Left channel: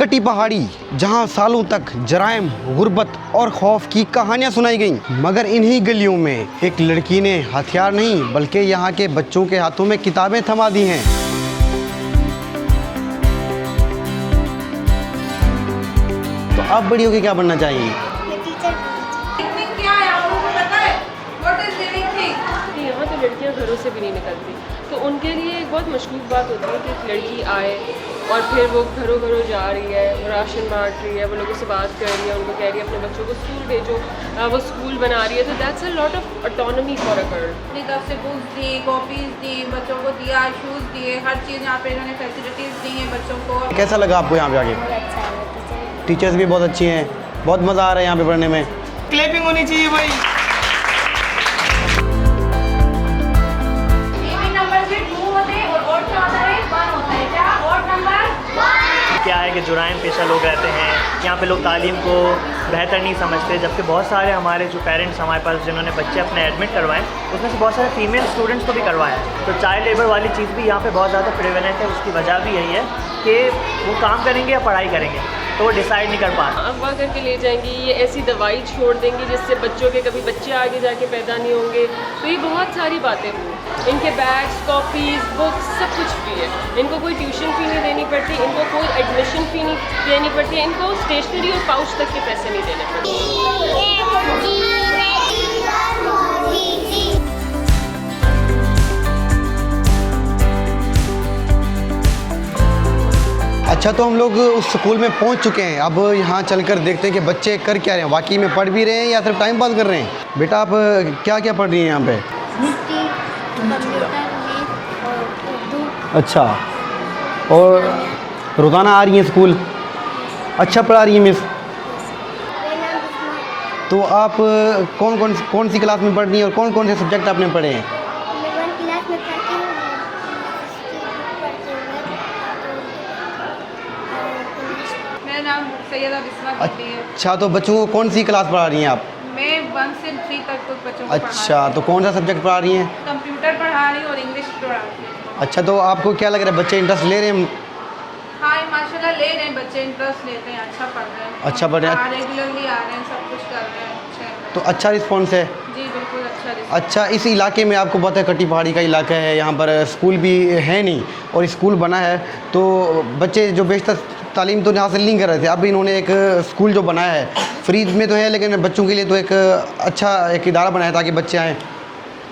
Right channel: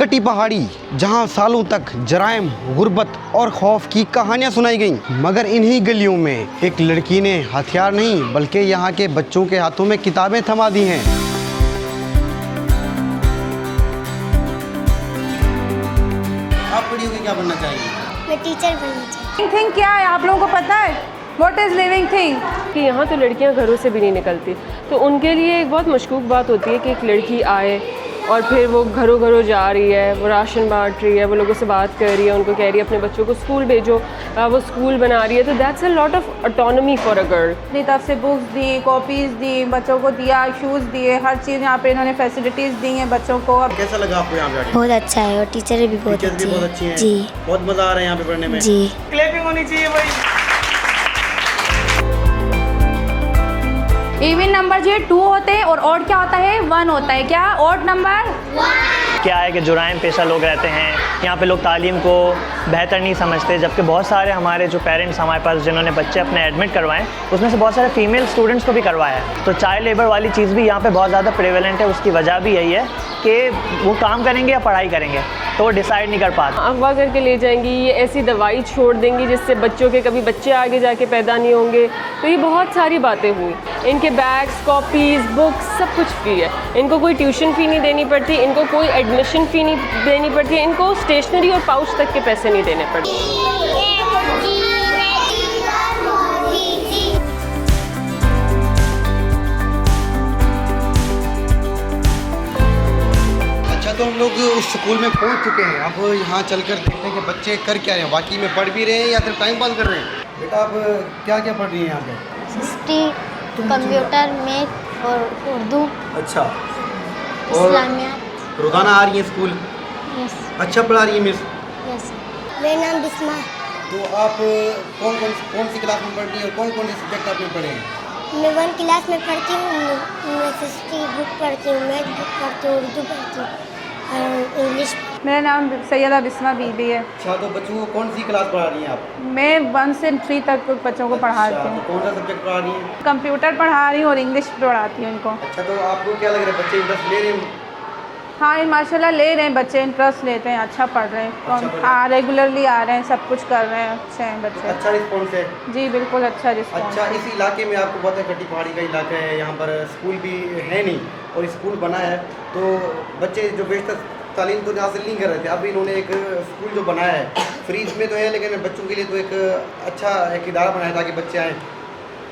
कटी पहाड़ी जहां सालों तक जराइम, गुर्बत और खौफ की कहानियां सुनाई गईं, मगर इन्हीं गलियों में एक लड़की ने हथियार नहीं बल्कि यहां के बच्चों के हाथों में किताबें थमा दी हैं। तो आप बड़ी होकर क्या बनना चाहिए? मैं टीचर बनना चाहती हूँ। थिंग क्या है आप लोगों को पता है? What is living thing? कि यहाँ तो लड़कियाँ घरों से भी नहीं निकलती, तो उनके लिए एक बहुत मशकूक बात होती है कि एक लड़की आए और फिर वो घरों घरों जा रही है, वो राशन बांट रही है, वो लोगों से बात कर रही है, उनको कह रही है अपने बच्चों को स्कूल भेजो, वो स्कूल बना रही है। तो that's a lot of autonomy for a girl. अपनी तरफ से बुक्स दी, कॉपीज़ दी, बच्चों को दिया, शूज़ दिए, हर चीज़ यहाँ पे इन्होंने फैसिलिटीज़ दी हैं बच्चों को। कैसा लगा आपको यहाँ पे आके? बहुत अच्छा है और टीचर भी बहुत अच्छी हैं। जी बहुत मज़ा आ रहा है यहाँ पे पढ़ने में। जी। क्लैपिंग होनी चाहिए भाई। इवन नंबर जो 2 होते हैं और ऑड क्या होता है? 1 होता है। क्या ऑड नंबर? क्या है कि जुराइम पेशा लोग रहते हैं यहाँ पे, लोग तालीम को बेहतर नहीं समझते, जबकि बहुत सारे हमारे जो पेरेंट्स हमारे पास जिन्होंने बच्चे अपने एडमिट करवाए, उसमें से बहुत सारे फीमेल स्टूडेंट्स को भी करवाया है। तो चाइल्ड लेबर वाली चीज़ भी यहाँ पे बहुत ज़्यादा प्रेवेलेंट है। उसकी वजह भी यही है कि वो काम करेंगे या पढ़ाई करेंगे तो वो डिसाइड नहीं कर पाते। अगवा करके ले जाएंगी, ये ऐसी दवाई छोड़ देंगी जिससे बच्चों के कभी बच्चे आगे जाके पैदा नहीं होंगे। तो ये बहुत सारी बातें हुई। इनके बैग्स, कॉपीज़, बुक्स सब कुछ फ्री है। इनको कोई ट्यूशन फ़ी नहीं देनी पड़ती, इनको कोई एडमिशन फ़ी नहीं देनी पड़ती, इनको स्टेशनरी और पाउच तक के पैसे नहीं देने पड़ते। अच्छा, तो हम लोग उस स्कूल में पहुंच चुके हैं। अब यहाँ चलकर देखते हैं कि बच्चे कर क्या रहे हैं, वाकई में पढ़ भी रहे हैं या सिर्फ टाइम पास कर रहे हैं। बेटा, आप क्या क्या पढ़ रही हैं यहाँ पे? हिस्ट्री, कंप्यूटर, मैथ और उर्दू। अच्छा, और इस्लामिया। रोज़ाना आ रही हैं स्कूल? अच्छा पढ़ा रही हैं मिस? मेरा नाम बिस्मा। तो आप कौन सी क्लास में पढ़ रही हैं और कौन कौन से सब्जेक्ट आपने पढ़े हैं? मैं 1 क्लास में पढ़ती हूँ। मैं हिस्ट्री बुक पढ़ती हूँ, मैथ बुक पढ़ती हूँ, उर्दू पढ़ती हूँ और इंग्लिश। मेरा नाम सैयदा बिस्मा बीबी है। अच्छा, तो बच्चों को कौन सी क्लास पढ़ा रही हैं आप? मैं 1 से 3 तक कुछ बच्चों को पढ़ा रही अच्छा, हूँ। तो कौन सा सब्जेक्ट पढ़ा रही हैं? कंप्यूटर पढ़ा रही हूँ और इंग्लिश पढ़ाती हूँ उनको। अच्छा, तो आपको क्या लग रहा है, बच्चे इंटरेस्ट ले रहे हैं? हाँ, माशाल्लाह ले रहे हैं बच्चे, इंटरेस्ट लेते हैं, अच्छा पढ़ रहे हैं। अच्छा पढ़ रहे हैं। रेगुलरली आ रहे हैं, सब कुछ कर रहे हैं, अच्छे हैं तो बच्चे। अच्छा रिस्पॉन्स है? जी बिल्कुल अच्छा रिस्पॉन्स। अच्छा, इस इलाके में आपको पता है कटी पहाड़ी का इलाका है, यहाँ पर स्कूल भी है नहीं और स्कूल बना है, तो बच्चे जो बेशतर तालीम तो यहाँ से नहीं कर रहे थे। अब इन्होंने एक स्कूल जो बनाया है, फ्री में तो है लेकिन बच्चों के लिए तो एक अच्छा एक इदारा बनाया ताकि बच्चे आएँ।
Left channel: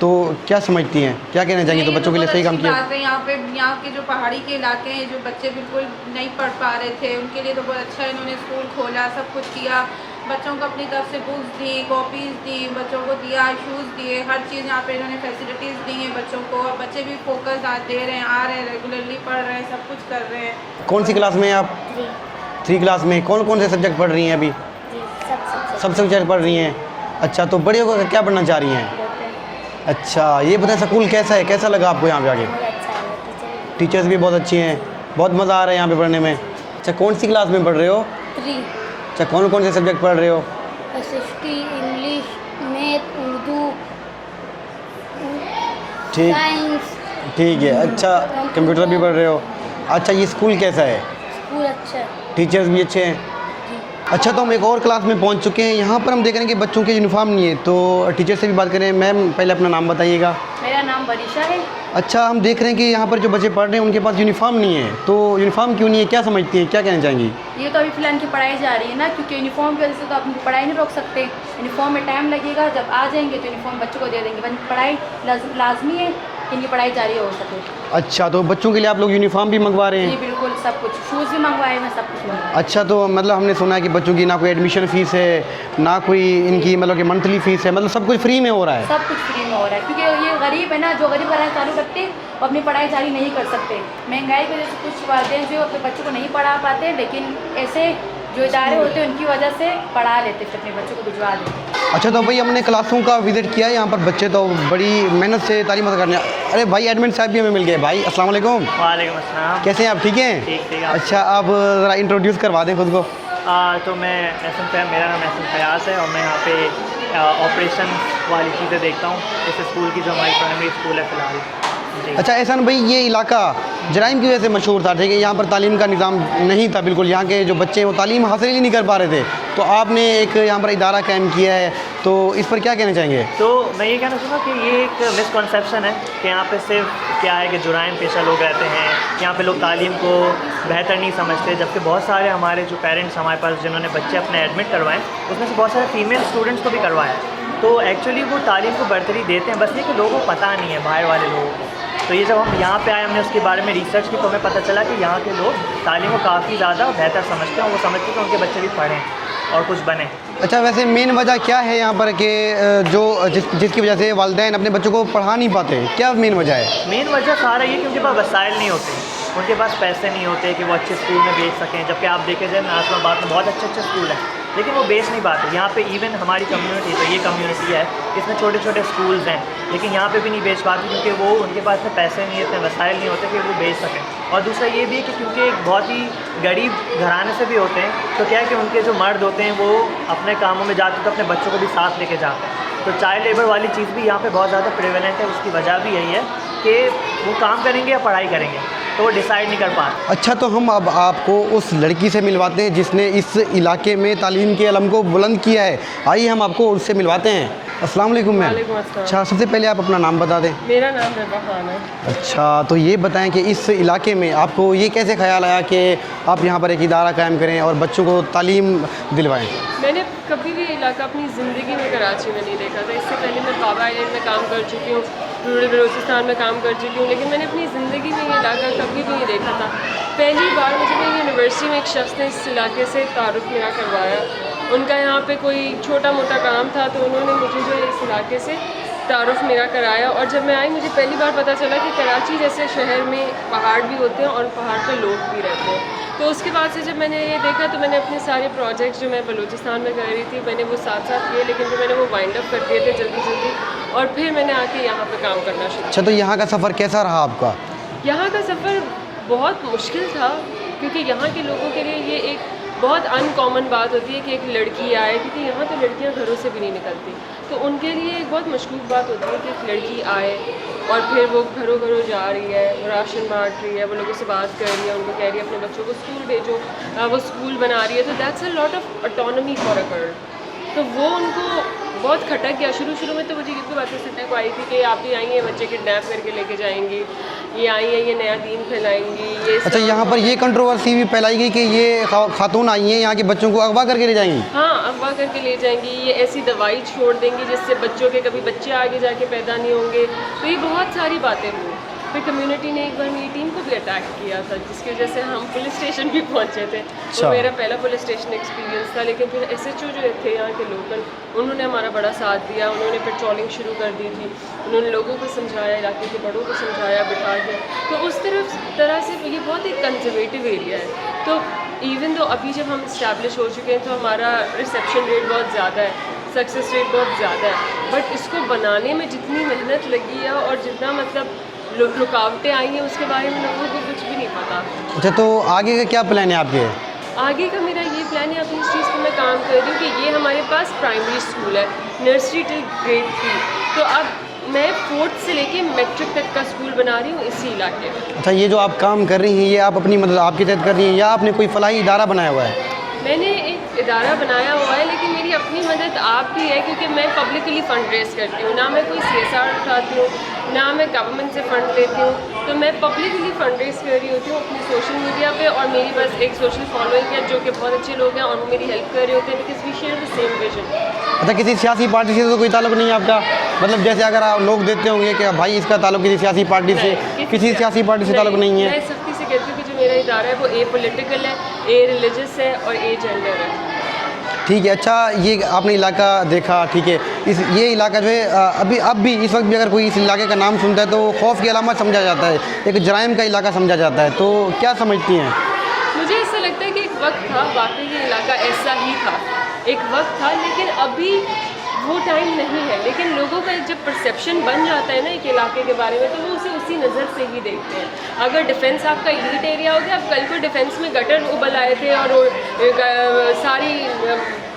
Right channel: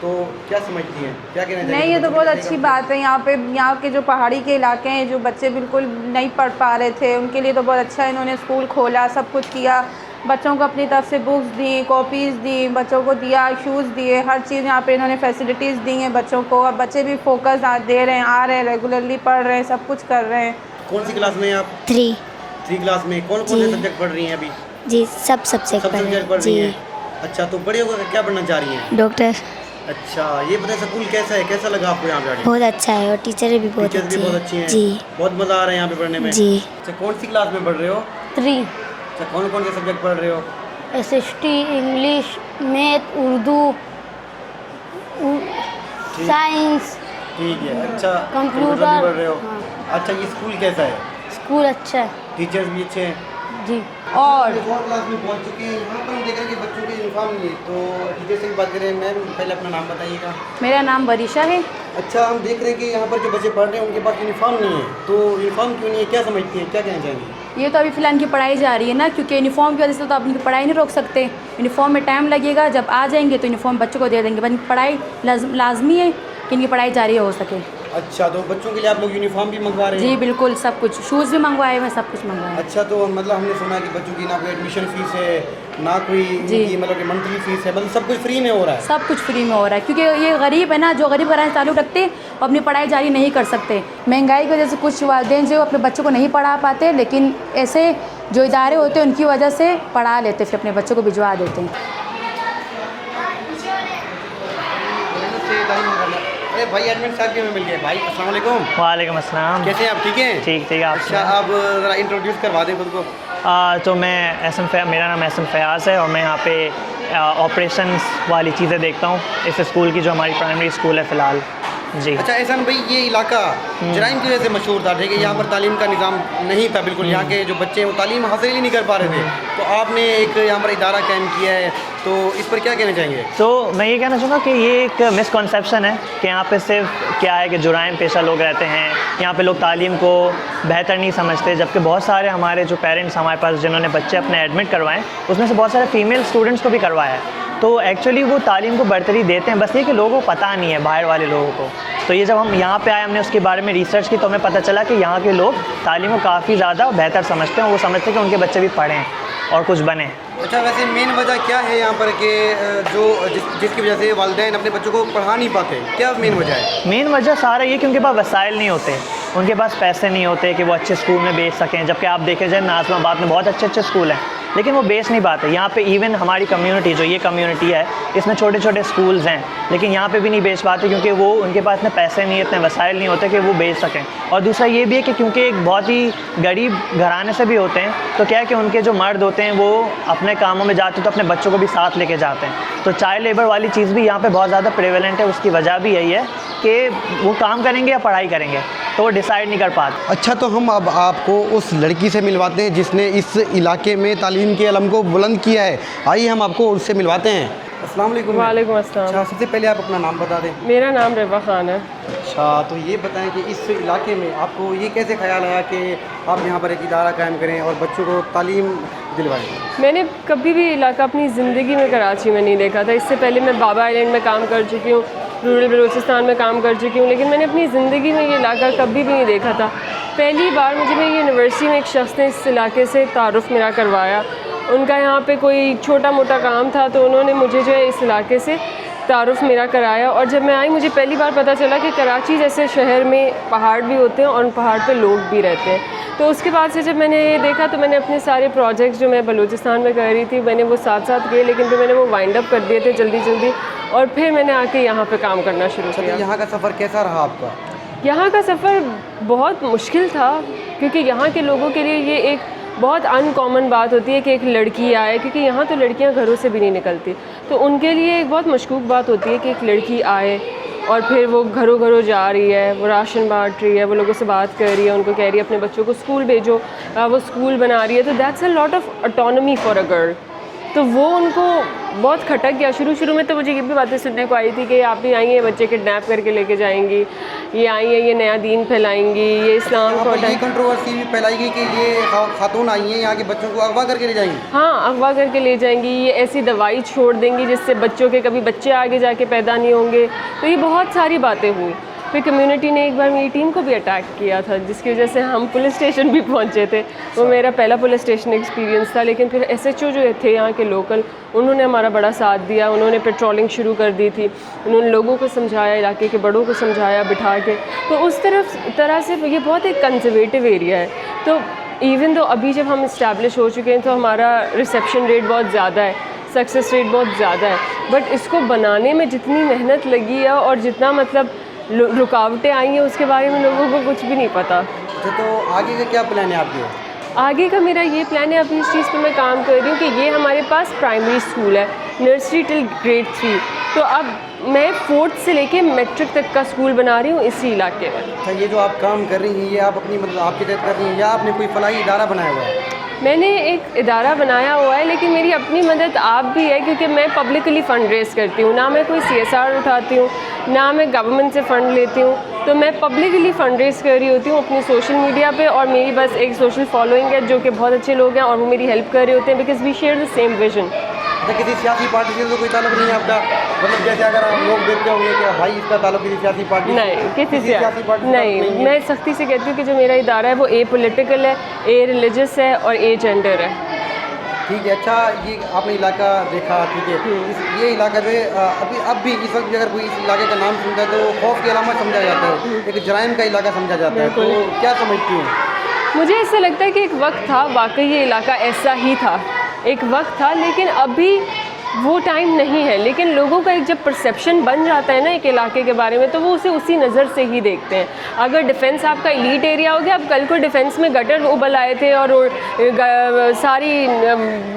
तो क्या समझती हैं, क्या कहना चाहिए? नहीं, तो ये बच्चों तो के लिए बहुत सही काम अच्छी किया। बात है। यहाँ के जो पहाड़ी के इलाके हैं, जो बच्चे बिल्कुल नहीं पढ़ पा रहे थे, उनके लिए तो बहुत अच्छा है, इन्होंने स्कूल खोला, सब कुछ किया। बच्चों को अपनी तरफ से बुक्स दी, कॉपीज़ दी, बच्चों को दिया, शूज़ दिए, हर चीज़ यहाँ पे इन्होंने फैसिलिटीज़ दी हैं बच्चों को। और बच्चे भी फोकस दे रहे हैं, आ रहे हैं, रेगुलरली पढ़ रहे हैं, सब कुछ कर रहे हैं। कौन सी क्लास में हैं आप? 3 क्लास में। कौन कौन से जी। सब्जेक्ट पढ़ रही हैं अभी? जी, सब सब्जेक्ट सब सब्जेक्ट पढ़ रही हैं। अच्छा, तो बड़े होकर क्या बनना चाह रही हैं? डॉक्टर। अच्छा, ये बताएं स्कूल कैसा है, कैसा लगा आपको यहाँ पे आके? बहुत अच्छा है और टीचर्स भी बहुत अच्छी हैं। जी बहुत मज़ा आ रहा है यहाँ पे पढ़ने में। जी। अच्छा, कौन सी क्लास में पढ़ रहे हो? 3 अच्छा, कौन कौन से सब्जेक्ट पढ़ रहे हो? SST, इंग्लिश, मैथ, उर्दू, ठीक साइंस। ठीक है। अच्छा, कंप्यूटर भी पढ़ रहे हो? अच्छा, ये स्कूल कैसा है? स्कूल अच्छा है टीचर्स भी अच्छे हैं? जी। अच्छा, तो हम एक और क्लास में पहुंच चुके हैं। यहाँ पर हम देख रहे हैं कि बच्चों के यूनिफॉर्म नहीं है, तो टीचर से भी बात करें। मैम, पहले अपना नाम बताइएगा। मेरा नाम बरीशा है। अच्छा, हम देख रहे हैं कि यहाँ पर जो बच्चे पढ़ रहे हैं उनके पास यूनिफॉर्म नहीं है, तो यूनिफॉर्म क्यों नहीं है, क्या समझती हैं, क्या कहना चाहेंगी? ये तो अभी फिलहाल इनकी पढ़ाई जा रही है ना, क्योंकि यूनिफॉर्म की वजह से तो आप इनकी पढ़ाई नहीं रोक सकते। यूनिफॉर्म में टाइम लगेगा, जब आ जाएंगे तो यूनिफॉर्म बच्चों को दे देंगे, पर इनकी पढ़ाई लाजमी है कि इनकी पढ़ाई जारी हो सके। अच्छा, तो बच्चों के लिए आप लोग यूनिफॉर्म भी मंगवा रहे जी हैं? बिल्कुल, सब कुछ, शूज़ भी मंगवाए हुए, सब कुछ मंगवाए। अच्छा, तो मतलब हमने सुना है कि बच्चों की ना कोई एडमिशन फ़ीस है, ना कोई इनकी मतलब कि मंथली फ़ीस है, मतलब सब कुछ फ्री में हो रहा है? सब कुछ फ्री में हो रहा है, क्योंकि ये गरीब है ना, जो गरीब घराने ताल्लुक़ रखते हैं वो अपनी पढ़ाई जारी नहीं कर सकते। महंगाई की वजह से कुछ वालिदैन जो अपने बच्चों को नहीं पढ़ा पाते, लेकिन ऐसे जो इदारे होते हैं उनकी वजह से पढ़ा लेते, फिर अपने बच्चों को भिजवा देते हैं। अच्छा, तो भाई हमने क्लासों का विजिट किया है, यहाँ पर बच्चे तो बड़ी मेहनत से तालीम करने। अरे भाई, एडमिन साहब भी हमें मिल गए। भाई अस्सलाम वालेकुम। वालेकुम अस्सलाम। कैसे हैं आप? ठीक हैं? ठीक। अच्छा, आप ज़रा इंट्रोड्यूस करवा दें खुद को। तो मेरा नाम एहसन फयाज़ है और मैं यहाँ पे ऑपरेशंस वाली चीज़ें देखता हूँ इस स्कूल की, जो हमारी प्राइमरी स्कूल है फ़िलहाल। जी। अच्छा एहसान भाई, ये इलाका जराइम की वजह से मशहूर था, ठीक है, यहाँ पर तालीम का निज़ाम नहीं था बिल्कुल, यहाँ के जो बच्चे हैं वो तालीम हासिल ही नहीं कर पा रहे थे, तो आपने एक यहाँ पर इदारा कायम किया है, तो इस पर क्या कहना चाहेंगे? तो मैं ये कहना चाहूँगा कि ये एक मिसकॉन्सेप्शन है कि यहाँ पे सिर्फ क्या है कि जुराइम पेशा लोग रहते हैं, यहाँ पे लोग तालीम को बेहतर नहीं समझते, जबकि बहुत सारे हमारे जो पेरेंट्स हमारे पास जिन्होंने बच्चे अपने एडमिट करवाएं, उसमें से बहुत सारे फीमेल स्टूडेंट्स को भी करवाया है। तो एक्चुअली वो तालीम को बरतरी देते हैं, बस ये कि लोगों को पता नहीं है, बाहर वाले लोगों को। तो ये जब हम यहाँ पे आए, हमने उसके बारे में रिसर्च की, तो हमें पता चला कि यहाँ के लोग तालीम को काफ़ी ज़्यादा बेहतर समझते हैं, वो समझते हैं कि उनके बच्चे भी पढ़ें और कुछ बने। अच्छा वैसे मेन वजह क्या है यहाँ पर कि जिसकी वजह से वालिदैन अपने बच्चों को पढ़ा नहीं पाते, क्या मेन वजह है? मेन वजह सारा ये कि उनके पास वसाइल नहीं होते, उनके पास पैसे नहीं होते कि वो अच्छे स्कूल में भेज सकें। जबकि आप देखे जाए नाज़िमाबाद में बहुत अच्छे स्कूल हैं, लेकिन वो बेच नहीं पाते। यहाँ पे इवन हमारी कम्युनिटी, जो ये कम्युनिटी है, इसमें छोटे छोटे स्कूल्स हैं, लेकिन यहाँ पे भी नहीं बेच पाते क्योंकि वो उनके पास इतने पैसे नहीं, इतने वसाइल नहीं होते कि वो बेच सकें। और दूसरा ये भी है कि क्योंकि एक बहुत ही गरीब घराने से भी होते हैं, तो क्या है कि उनके जो मर्द होते हैं वो अपने कामों में जाते हैं तो अपने बच्चों को भी साथ लेके जाते हैं। तो चाइल्ड लेबर वाली चीज़ भी यहाँ पे बहुत ज़्यादा प्रेवेलेंट है। उसकी वजह भी यही है कि वो काम करेंगे या पढ़ाई करेंगे, तो वो डिसाइड नहीं कर पाते। अच्छा तो हम अब आपको उस लड़की से मिलवाते हैं जिसने इस इलाके में तालीम के अलम को बुलंद किया है। आइए हम आपको उससे मिलवाते हैं। अस्सलाम वालेकुम मैम। वालेकुम अस्सलाम। अच्छा सबसे पहले आप अपना नाम बता दें। मेरा नाम रिवा खान है। अच्छा तो ये बताएं कि इस इलाके में आपको ये कैसे ख्याल आया कि आप यहाँ पर एक इदारा कायम करें और बच्चों को तालीम दिलवाएं? मैंने कभी भी इलाका अपनी ज़िंदगी में कराची में नहीं देखा था। इससे पहले मैं बाबा आइलैंड में काम कर चुकी हूँ, रूरल बलूचिस्तान में काम कर चुकी हूँ, लेकिन मैंने अपनी ज़िंदगी में ये इलाका कभी भी नहीं देखा था। पहली बार मुझे मेरी यूनिवर्सिटी में एक शख्स ने इस इलाके से तारुफ़ मेरा करवाया। उनका यहाँ पे कोई छोटा मोटा काम था, तो उन्होंने मुझे जो है इस इलाके से तारुफ़ मेरा कराया। और जब मैं आई, मुझे पहली बार पता चला कि कराची जैसे शहर में पहाड़ भी होते हैं और उन पहाड़ पे लोग भी रहते हैं। तो उसके बाद से जब मैंने ये देखा, तो मैंने अपने सारे प्रोजेक्ट्स जो मैं बलूचिस्तान में कर रही थी, मैंने वो साथ साथ किए, लेकिन फिर मैंने वो वाइंड अप कर दिए थे जल्दी, और फिर मैंने आके यहाँ पे काम करना शुरू अच्छा किया। तो यहाँ का सफ़र कैसा रहा आपका? यहाँ का सफ़र बहुत मुश्किल था, क्योंकि यहाँ के लोगों के लिए ये एक बहुत अनकॉमन बात होती है कि एक लड़की आए, क्योंकि यहाँ तो लड़कियाँ घरों से भी नहीं निकलती। तो उनके लिए एक बहुत मशकूक बात होती है कि एक लड़की आए और फिर वो घरों घरों जा रही है, वो राशन बांट रही है, वो लोगों से बात कर रही है, उनको कह रही है अपने बच्चों को स्कूल भेजो, वो स्कूल बना रही है। तो that's a lot of autonomy for a girl. तो वो उनको बहुत खटक गया। शुरू में तो मुझे ये भी बातें सुनने को आई थी कि आप ही आई हैं बच्चे किडनैप करके लेके जाएंगी, ये आई हैं ये नया दीन फैलाएंगी, ये अच्छा यहाँ पर ये कंट्रोवर्सी भी फैलाई गई कि ये खातून आई हैं यहाँ के बच्चों को अगवा करके ले जाएंगी? हाँ, अगवा करके ले जाएंगी, ये ऐसी दवाई छोड़ देंगी जिससे बच्चों के कभी बच्चे आगे जाके पैदा नहीं होंगे। तो ये बहुत सारी बातें हुई। फिर कम्युनिटी ने एक बार मेरी टीम को भी अटैक किया था, जिसकी वजह से हम पुलिस स्टेशन भी पहुंचे थे। वो मेरा पहला पुलिस स्टेशन एक्सपीरियंस था। लेकिन फिर SHO जो थे यहाँ के लोकल, उन्होंने हमारा बड़ा साथ दिया। उन्होंने पेट्रोलिंग शुरू कर दी थी, उन्होंने लोगों को समझाया, इलाके के बड़ों को समझाया बिठा के। तो उस तरह से ये बहुत एक कंजर्वेटिव एरिया है। तो इवन तो अभी जब हम इस्टेब्लिश हो चुके हैं, तो हमारा रिसेप्शन रेट बहुत ज़्यादा है, सक्सेस रेट बहुत ज़्यादा है। बट इसको बनाने में जितनी मेहनत लगी है और जितना मतलब रुकावटें आई हैं, उसके बारे में लोगों को कुछ भी नहीं पता। अच्छा तो आगे का क्या प्लान है आपके? आगे का मेरा ये प्लान है, अभी इस चीज़ पर मैं काम कर रही हूँ कि ये हमारे पास प्राइमरी स्कूल है, नर्सरी टिल ग्रेड 3। तो अब मैं 4th से लेके मैट्रिक तक का स्कूल बना रही हूँ इसी इलाके में। अच्छा ये जो आप काम कर रही हैं, ये आप अपनी मतलब आपकी तहत कर रही हैं या आपने कोई फलाही इदारा बनाया हुआ है? मैंने एक इदारा बनाया हुआ है, लेकिन मेरी अपनी मदद आप भी है, क्योंकि मैं पब्लिकली फ़ंड रेज़ करती हूँ। ना मैं कोई CSR उठाती हूँ, ना मैं गवर्नमेंट से फ़ंड लेती हूँ। तो मैं पब्लिकली फ़ंड रेज़ कर रही होती हूँ अपनी सोशल मीडिया पे, और मेरी बस एक सोशल फॉलोइंग है जो कि बहुत अच्छे लोग हैं और वो मेरी हेल्प कर रहे होते हैं, because we share the same vision. अच्छा किसी सियासी पार्टी से तो कोई ताल्लुक नहीं है आपका? मतलब जैसे अगर आप लोग देखते होंगे कि भाई इसका ताल्लुक किसी सियासी पार्टी से, किसी सियासी पार्टी से ताल्लुक नहीं है? मैं सख्ती से कहती हूँ कि जो मेरा इदारा है वो A पॉलिटिकल है, A रिलीजियस है और A जेंडर है। ठीक है। अच्छा ये आपने इलाका देखा, ठीक है, ये इलाका जो है अब भी इस वक्त भी अगर कोई इस इलाके का नाम सुनता है तो खौफ की अलामत समझा जाता है, एक जराइम का इलाका समझा जाता है। तो क्या समझती हैं? मुझे ऐसा लगता है कि एक वक्त था, वाकई ये इलाका ऐसा ही था, एक वक्त था, लेकिन अभी वो टाइम नहीं है। लेकिन लोगों का एक जब परसेप्शन बन जाता है ना एक इलाके के बारे में, तो वो उसे उसी नज़र से ही देखते हैं। अगर डिफेंस आपका एलीट एरिया हो गया, अब कल को डिफेंस में गटर उबल आए थे और सारी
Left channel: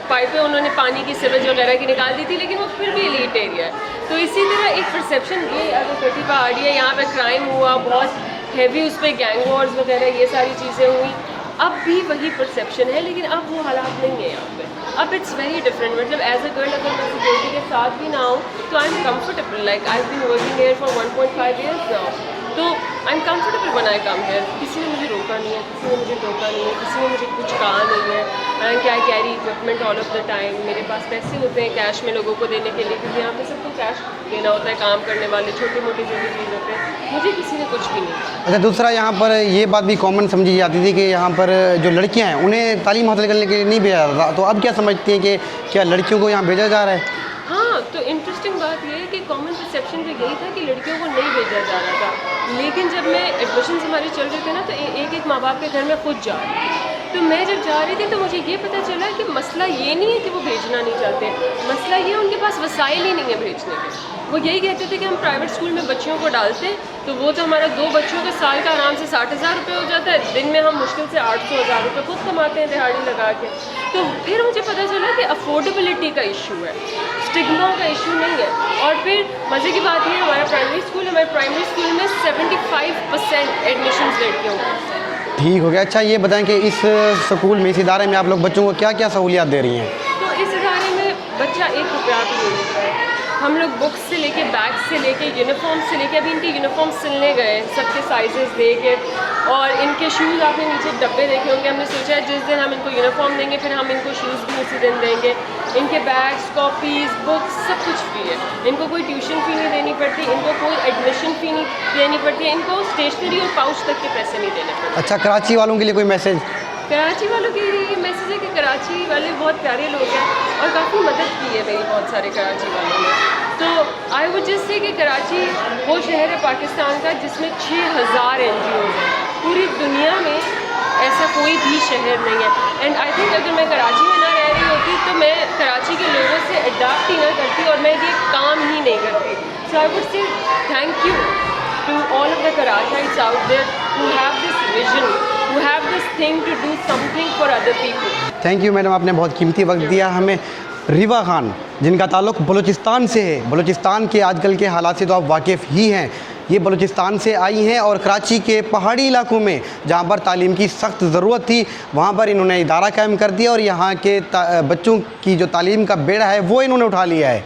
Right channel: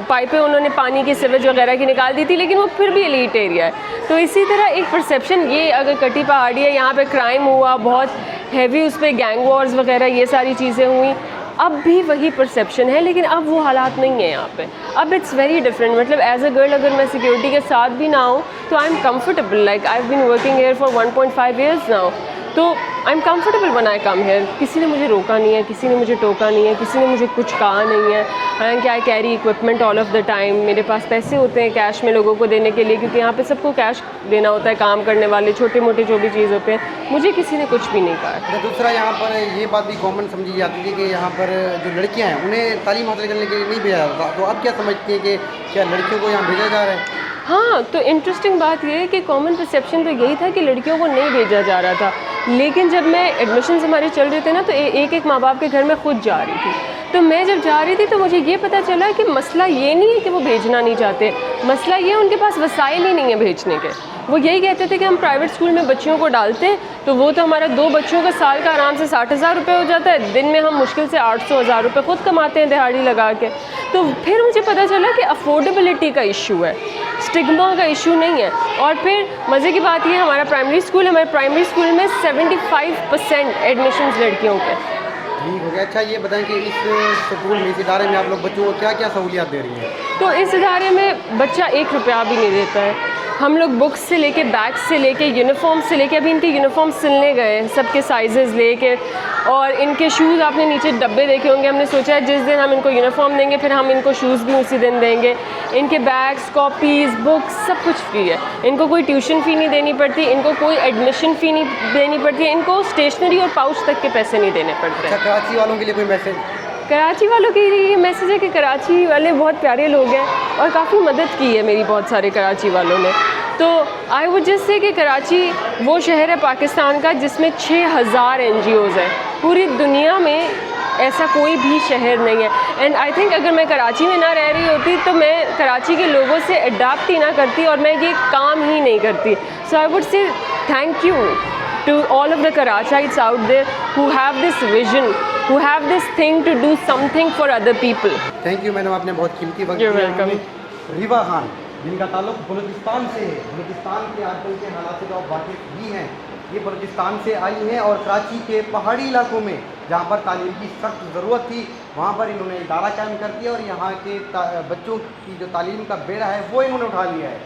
पाइपें उन्होंने पानी की सीवेज वगैरह की निकाल दी थी, लेकिन वो फिर भी एलीट एरिया है। तो इसी तरह एक परसेप्शन, ये अगर कटी पहाड़ी है, यहाँ पे क्राइम हुआ बहुत हैवी, उस पर गैंग वॉर्स वगैरह ये सारी चीज़ें हुई, अब भी वही परसेप्शन है, लेकिन अब वो हालात नहीं है यहाँ पे। अब इट्स वेरी डिफरेंट। मतलब एज अ गर्ल अगर मैं सिक्योरिटी के साथ भी ना हूँ तो I am comfortable. Like I have been working here for 1.5 years now, तो I am comfortable when I come here. किसी ने मुझे रोका नहीं है, किसी ने मुझे टोका नहीं है, किसी ने मुझे कुछ कहा नहीं है। And I carry equipment all of the time. मेरे पास पैसे होते हैं कैश में लोगों को देने के लिए, क्योंकि यहाँ पे सबको कैश देना होता है, काम करने वाले छोटे मोटे जो भी चीज़ होते हैं। मुझे किसी ने कुछ भी नहीं कहा। अच्छा, दूसरा यहाँ पर ये बात भी कॉमन समझी जाती थी कि यहाँ पर जो लड़कियाँ हैं उन्हें तालीम हासिल करने के लिए नहीं भेजा जाता, तो अब क्या समझती हैं कि क्या लड़कियों को यहाँ भेजा जा रहा है? हाँ, तो इंटरेस्टिंग बात ये है कि कॉमन परसेप्शन तो यही था कि लड़कियों को नहीं भेजा जा रहा था, लेकिन जब मैं एडमिशन हमारे चल रहे थे ना, तो एक एक माँ बाप के घर में खुद जा रही थी। तो मैं जब जा रही थी तो मुझे ये पता चला कि मसला ये नहीं है कि वो भेजना नहीं चाहते, मसला ये है उनके पास वसाइल ही नहीं है भेजने के। वो यही कहते थे कि हम प्राइवेट स्कूल में बच्चियों को डालते तो वो तो हमारा 2 बच्चों का साल का आराम से 60,000 रुपये हो जाता है, दिन में हम मुश्किल से 800,000 रुपये खुद कमाते हैं दिहाड़ी लगा के। तो फिर मुझे पता चला कि अफोर्डेबिलिटी का इशू है, स्टिग्मा का इशू नहीं है। और फिर मज़े की बात ये, हमारा प्राइमरी स्कूल, हमारे प्राइमरी स्कूल में 75% एडमिशन्स लड़कियों के। ठीक हो गया। अच्छा, ये बताएं कि इस स्कूल में, इस इदारे में आप लोग बच्चों को क्या क्या सहूलियात दे रही हैं? तो इस इदारे में बच्चा 1 रुपया भी नहीं देता है। हम लोग बुक्स से लेके, बैग्स से लेके, यूनिफॉर्म से लेके, अभी इनके यूनिफॉर्म सिलने गए हैं सबके साइजेस लेके, और इनके शूज़ आपने नीचे डब्बे देखे होंगे। हमने सोचा है जिस दिन हम इनको यूनिफॉर्म देंगे फिर हम इनको शूज़ भी उसी दिन देंगे। इनके बैग्स, कॉपीज़, बुक्स सब कुछ फ्री है। इनको कोई ट्यूशन फ़ी नहीं देनी पड़ती, इनको कोई एडमिशन फ़ी नहीं देनी पड़ती, इनको स्टेशनरी और पाउच तक के पैसे नहीं देने पड़ते। अच्छा, कराची वालों के लिए कोई मैसेज? कराची वालों के लिए ये मैसेज है कि कराची वाले बहुत प्यारे लोग हैं और काफ़ी मदद की है मेरी बहुत सारे कराची वालों ने। तो आई वुड जस्ट से कि कराची वो शहर है पाकिस्तान का जिसमें 6000 NGOs हैं। पूरी दुनिया में ऐसा कोई भी शहर नहीं है। एंड आई थिंक अगर मैं कराची में ना रह रही होती तो मैं कराची के लोगों से अडाप्ट ही ना करती और मैं ये काम ही नहीं करती। So I would say thank you to all of the Karachites out there who have this vision, who have this thing to do something for other people. Thank you madam, आपने बहुत कीमती वक्त You're दिया welcome. हमें। रिवा खान, जिनका ताल्लुक़ बलूचिस्तान से है, बलूचिस्तान के आजकल के हालात से तो आप वाकिफ़ ही हैं। ये बलूचिस्तान से आई हैं और कराची के पहाड़ी इलाकों में जहाँ पर तालीम की सख्त ज़रूरत थी वहाँ पर इन्होंने इदारा कायम कर दिया और यहाँ के बच्चों की जो तालीम का बेड़ा है वो इन्होंने उठा लिया है।